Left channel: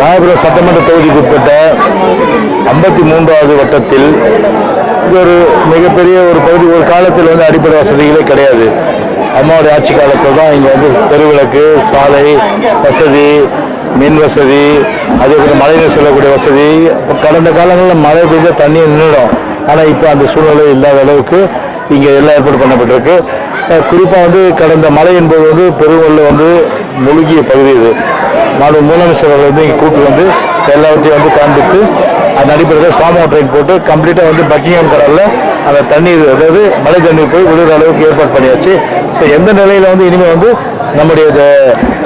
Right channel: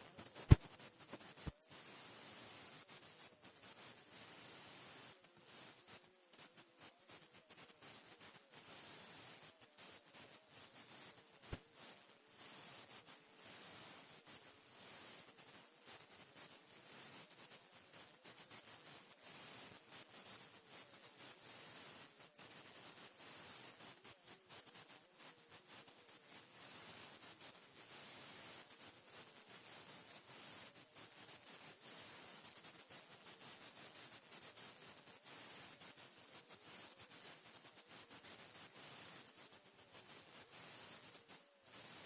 ராயபுரம் சட்டமன்ற தொகுதிக்கு உட்பட்ட ஐம்பத்தி மூன்றாவது வட்டத்தில் இது ஒரு மிகப்பெரிய ஒரு பகுதி ஒரு காலத்தில் வந்து அடிப்படை வசதிகளே கிடையாது. அம்மாவுடைய ஆட்சி காலத்தில் தான் இங்கே வந்து தெருவிளக்கு சாலை வசதி மின் வசதி அதே போல் மழைநீர் செல்லக்கூடிய வசதி. இப்போ கடந்த காலங்களில் மழை பெய்ஞ்ச தண்ணி நின்றுடும் ஆனால் இப்போ அந்த சூழ்நிலை இல்லாத அளவுக்கு இங்கே எல்லாம் ஏற்பாடு பண்ணப்பட்டிருக்கு. குறிப்பாக வந்து கடந்த மழை என்பது வந்து பெருவெள்ள வந்து முழுகிய பகுதி இது. நாடு முதலமைச்சர் அவர்கள் வந்து இங்கே கூட்டு வந்து எல்லாவற்றையும் வந்து காண்பித்து அந்த அடிப்படையில் ஸ்டாம் ட்ரெயின் போட்டு கம்ப்ளீட்டாக வந்து பக்கிங்ஹாம் கடலில் அந்த தண்ணீர் அதாவது மழை தண்ணீர் போய் விழுகிற அளவுக்கு ஏற்பாடு பண்ணியாச்சு. ஸோ எந்த நிலையில் வந்து இனிமேல் வந்து நம்முடைய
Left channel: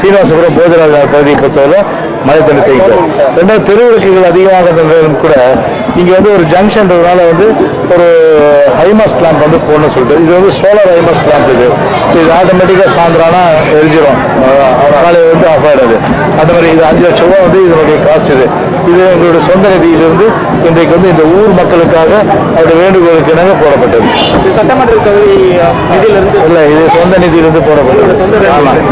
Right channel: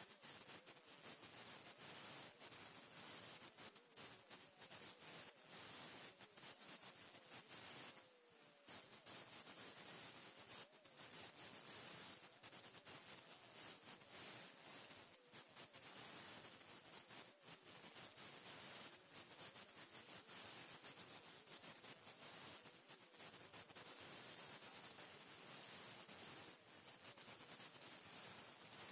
சீனிவாசபுரம் போஜராஜ பகுதியை பொறுத்தவரை மழை தண்ணி தேங்கிக்கும் ரெண்டாவது தெருவிளக்குகள் அதிகமாக கூட இங்கே வந்து ஒரு ஜங்ஷன்றதுனால வந்து ஒரு ஹைமாஸ் கிளாம்ப் வந்து போடணும்னு சொல்லிட்டு இது வந்து சோலார் ஹைமாஸ் கிளாம்ப் இது. இது ஆட்டோமேட்டிக்காக சாயந்தரம்னா எரிஞ்சிடும் காலையில் வந்து ஆஃப் ஆகிடாது அந்த மாதிரி இது அஞ்சு லட்சம் ரூபா வந்து இதனுடைய காஸ்ட் இது. இது எங்களுடைய சொந்த நிதியிலிருந்து இன்றைக்கு வந்து இந்த ஊர் மக்களுக்காக அவருடைய வேண்டுகோளுக்கு இணங்க போடப்பட்டது. சட்டமன்ற தொகுதி நிதியிலிருந்து? இல்லை இது சொந்த நிதியிலிருந்து போடப்பட்டது. ஆமாம்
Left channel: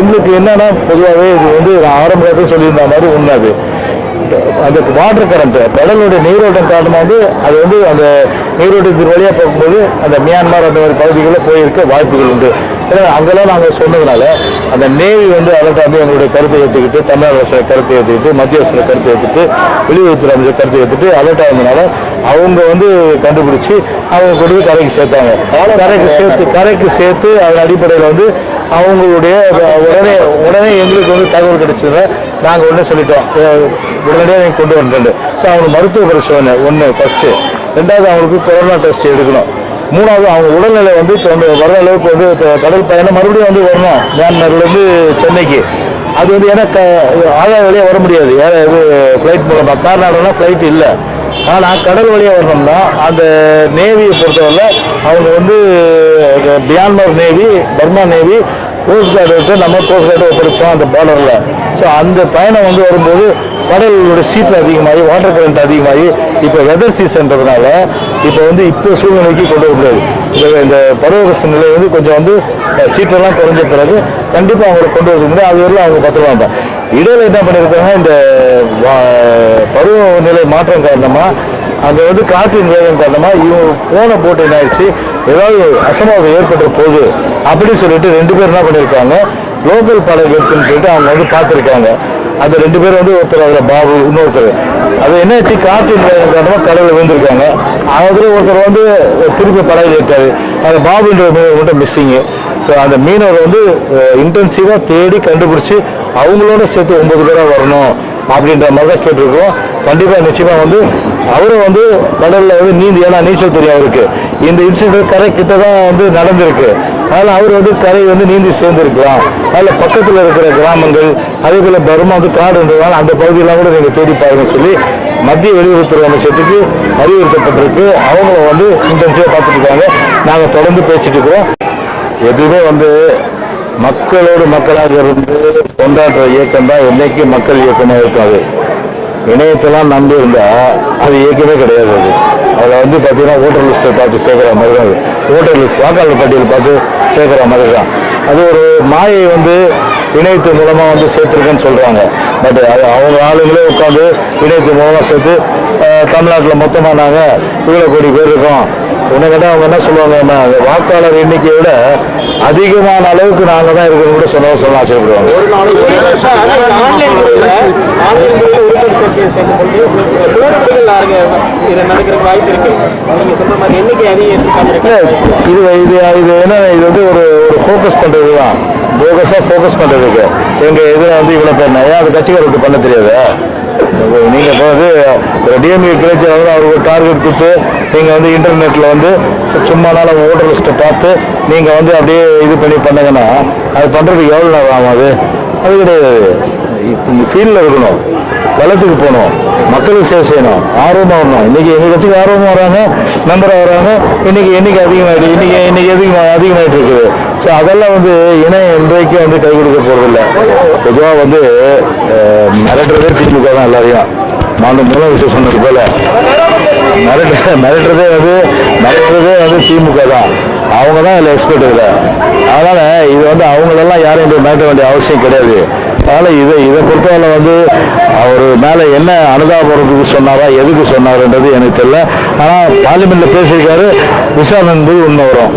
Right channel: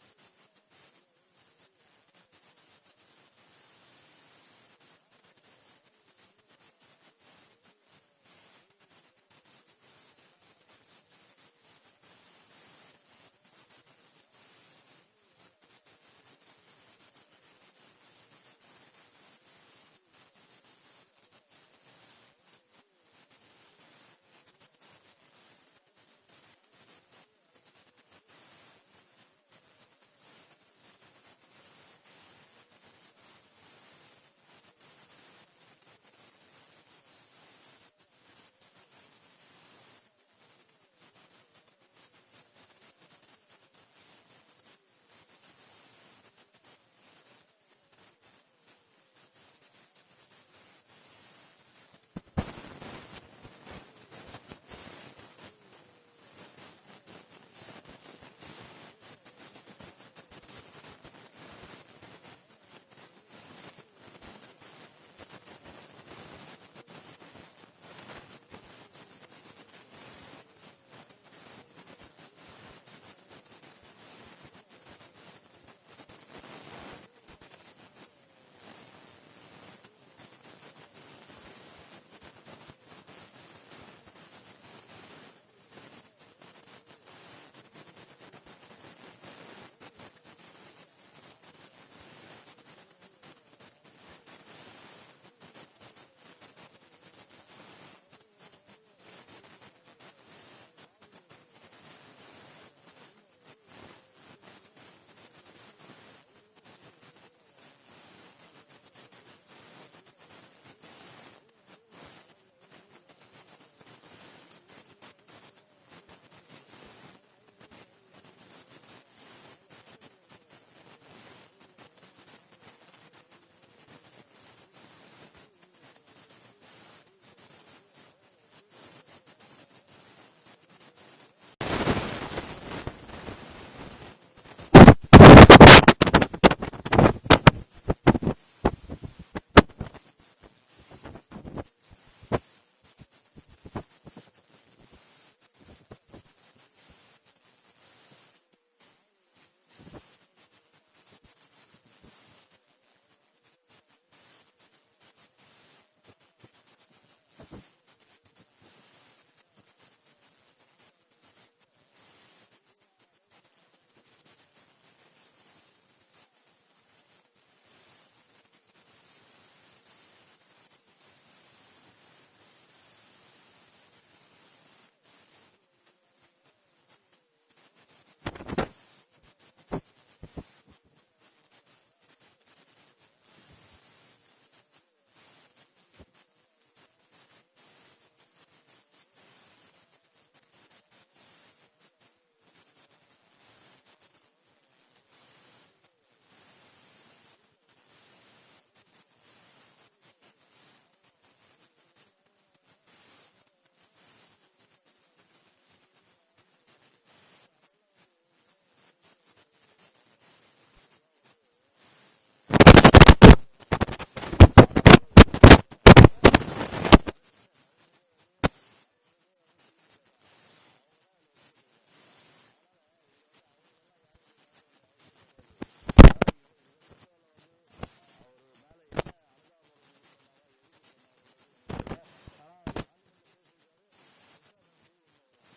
எங்களுக்கு என்னன்னா பொதுவாகவே இது வந்து நான் ஆரம்பத்தில் சொல்லியிருந்த மாதிரி உண்மை அது. அந்த வாட்டர் கரண்ட் கடலுடைய நீரோட்டம் காரணமாக வந்து அது வந்து அந்த நீரோட்டத்தின் வழியாக போகும்போது அந்த மியான்மர் அந்த மாதிரி பகுதிகளில் போயிருக்க வாய்ப்புகள் உண்டு. ஏன்னா அங்கெல்லாம் நாங்கள் சொன்னதுனால அந்த நேவி வந்து அலர்ட் வந்து எங்களுடைய கருத்தை ஏற்றுக்கிட்டு தமிழக அரசு கருத்தை ஏற்றுக்கிட்டு மத்திய அரசு கருத்தை ஏற்றுட்டு வெளியுறவுத்துறை அமைச்சர் கருத்தை ஏற்றுட்டு அலர்ட் ஆனதுனால அவங்க வந்து கண்டுபிடிச்சி அவங்க கொண்டு போய் கரைக்கு சேர்த்தாங்க. கரைக்கு சேர்த்து கரைக்கு சேர்த்து அதன் அடிப்படையில் வந்து அவங்களுடைய உடனே உடனே எங்களுக்கு வந்து தகவல் கிடைச்சதுல நாங்கள் உடனே சொல்லிட்டோம். உடனடியாக நீங்கள் கொண்டு வந்துட்டு ஸோ அவங்க மருத்துவ பரிசோதனை ஒன்று ஃபஸ்ட்டு ரெண்டாவது அவங்களுக்கு கொரோனா டெஸ்ட் எடுக்கணும். மூணாவது அவங்க உடல்நிலை வந்து இப்போ வந்து வர அளவுக்கு வந்து இப்போ கடல் பயணம் மறுபடியும் வந்து வரணும். மியான்மர்லேருந்து சென்னைக்கு. அது வந்து ஏன்னா க ஆயா வழியாக வர முடியாது. ஏன்னா இது ஃப்ளைட் மூலமாக கார்நாடகனா ஃப்ளைட் இல்லை. ஆனால் கடல் வழியாக வரணும்னா அந்த நேவியை பொறுத்தவரை அவங்க வந்து Myanmar navy Burma navy coast guard நம்ம கோஸ்ட் கார்டு ஒப்படைச்சோம் அந்த பார்டரில் ஸோ அந்த பயணம் வந்து வரும்போது கடலோட சீற்று அதிகமாகி வாட்டர் கரண்ட் அதிகமாகி இப்போ வெதர் சீசன்றதுனால இப்போ வந்து இப்போ சூழ்நிலைக்கு கொண்டு வர முடியாது. இந்த இந்த பருவகச நிலை வந்து கொஞ்சம் வந்து சீட்டெல்லாம் சீற்றெல்லாம் குறைஞ்ச பிறகு கண்டிப்பாக அவங்களை கொண்டு வர முடியாது அது வரலாம் அவங்க பத்திரமா இடையில என்ன பண்ணியிருக்காங்க இந்த பருவநிலை மாற்றம் காரணமாக அங்கே வந்து காற்றின் வேகம் காரணமாக இவங்க போன போட்டு என்ன ஆயிடுச்சு ஏதாவது அசம்பாவிதம் ஏற்பட்ட போகுது அப்படின்னு சொல்லிட்டு ரெண்டு பேர் என்ன பண்ணியிருக்காங்க லோக்கல் பாடகர் எடுத்துன்னு சொல்லிட்டு அவங்க வந்து பார்த்துருக்காங்க. அந்த ரெண்டு பேரும் வந்து ஒருத்தர் அதில் பாபு இன்னொருத்தர். அது என்னாச்சு காற்றின் வேகம் காரணமாக கடலில் விழுந்திருக்காங்க. அதில் ஒருத்தர் வந்து திருப்பி படகுல ஏற்றாரு அந்த பாபுன்ற மீனவர் மட்டும் மிஸ்ஸிங்கு ஸோ அந்த மீனவர் வந்து இன்டென்சிவாக தேடி கண்டுபிடிச்சி அவங்களோட சேர்த்து ஒன்பது பேராக வரணும் அப்படின்ற மாதிரி தான் கேட்டிருக்கோம் கண்டிப்பாக நிச்சயமாக வந்து அவரும் வந்து கடலில் வந்து நீந்தி ஏன்னா நீச்சல் தெரியும் அவருக்கு இந்த இன்சிடென்ட் கரை கிட்ட தான் வந்து நடந்திருக்கு. அதனால் அவர் வந்து கரை வந்து நீந்தி சேர்ந்துருக்கலாம். அதில் பக்கத்தில் இருக்கிற கிராமங்கள் அதே போல் பர்மா வந்து காடுன்றதால் அந்த பகுதியெல்லாம் கூட நீங்கள் தேடி பாருங்கன்னு சொல்லி மத்திய வெளியுறவுத்துறை அமைச்சத்துக்கு அறிவுறுத்தப்பட்டிருக்கு. அவங்கள வந்து இன்டென்சிவாக பார்த்துட்டு இருக்காங்க நாங்கள் தொடர்ந்து பேசிட்டு இருக்கிறோம். எதுவுமே வந்து மக்களோடு மக்களாக இருந்து கொண்டாடுற இயக்கம் தான் என்னைக்கு மக்கள் இயக்கமாக இருக்காது. இணையத்தெல்லாம் நம்பி இருந்தா அது இயக்கமே கிடையாது அது. அதில் வந்து பார்த்தீங்கன்னா ஓட்டர் லிஸ்ட்டை பார்த்து சேர்க்குற மாதிரி தான் அது. ஓட்டர் லிஸ்ட் வாக்காளர் பட்டியல் பார்த்து சேர்க்குற மாதிரி தான். அது ஒரு மாயை வந்து இணையத்து மூலமாக வந்து சேர்த்துருக்கேன்னு சொல்கிறாங்க பட் அது அவங்க ஆளுங்களே உட்காந்து இணையத்து மூலமாக சேர்த்து தமிழ்நாட்டில் மொத்தமாக நாங்கள் இவ்வளோ கோடி பேர் இருக்கோம். உன்னை கேட்டால் அவங்க என்ன சொல்லுவாங்கன்னா வாக்காளர் எண்ணிக்கையை விட அதிகமான அளவுக்கு நாங்கள் தான் இருக்கணும் கூட சொல்ல சொல்ல ஆசைப்படுவாங்க வாய்ப்பு இருக்கு நீங்க சொல்ற மாதிரி எண்ணிக்கை அதிகரித்து காமிருக்கு இது இது இது என்ன இது வந்து ஒரு ஒரு ஃபோக்கஸ் பண்ணுறது தான் போகஸாக ஃபோக்கஸ் பண்ணுறதுக்கு எங்கள் இதில் வந்து இவ்வளோ பேர் ஏன் அது கட்சிக்காரருக்கு பண்ண தெரியாது? நீங்கள் இப்போ வந்து ஒரு டிஎம்ஏ கிளச்சி வந்து அவருக்கு ஒரு டார்கெட் கொடுத்து நீங்கள் வந்து இன்டர்நெட்டில் வந்து சும்மானால ஓட்டர் லிஸ்ட்டை பார்த்து நீங்கள் வந்து அப்படியே இது பண்ணி பண்ணுங்கன்னா அது பண்ணுறதுக்கு எவ்வளோ நேரம் ஆகும் அது? அது கிடையாது. ஃபீல்டில் இருக்கணும். வளத்துக்கு போகணும். மக்களுக்கு சேவை செய்யணும். ஆர்வமாக வரணும். இன்னைக்கு எங்கள் கட்சிக்கு ஆர்வமாக வராங்க மெம்பராக வராங்க. இன்னைக்கு எண்ணிக்கை அதிகமாகிட்டு இன்னைக்கு இன்னைக்கு அதிகமாக அதிகமாகிட்டு இருக்குது. ஸோ அதெல்லாம் வந்து இணையம் இன்றைக்கு வந்து கை கொடுக்க போகிறதில்ல பொதுவாக வந்து மிரட்டுறதே திமுக தான் எல்லாரையும். நான் மூலம் விஷயம் சொன்னது போல. மிரட்டு மிரட்டுறதே வந்து மிரட்டுறதே வந்து திமுக தான். அவங்க தான் இதில் எக்ஸ்பர்ட் இல்லை. அதனால் இது வந்து அவங்களெல்லாம் யாரும் இப்படி மிரட்ட வேண்டிய அவசியம் கிடையாது. அதனால் இதை இதை பொறுத்தவரை வந்து அவர் மேலே என்ன அனுதாபுரத்துக்கு சொன்னாரா எதுக்கு சொன்னாருன்றது எனக்கு தெரியல. ஆனால் பார்லிமெண்ட்டில் பேசியிருக்காரு விசாரணை என்பது உண்மை வரும்.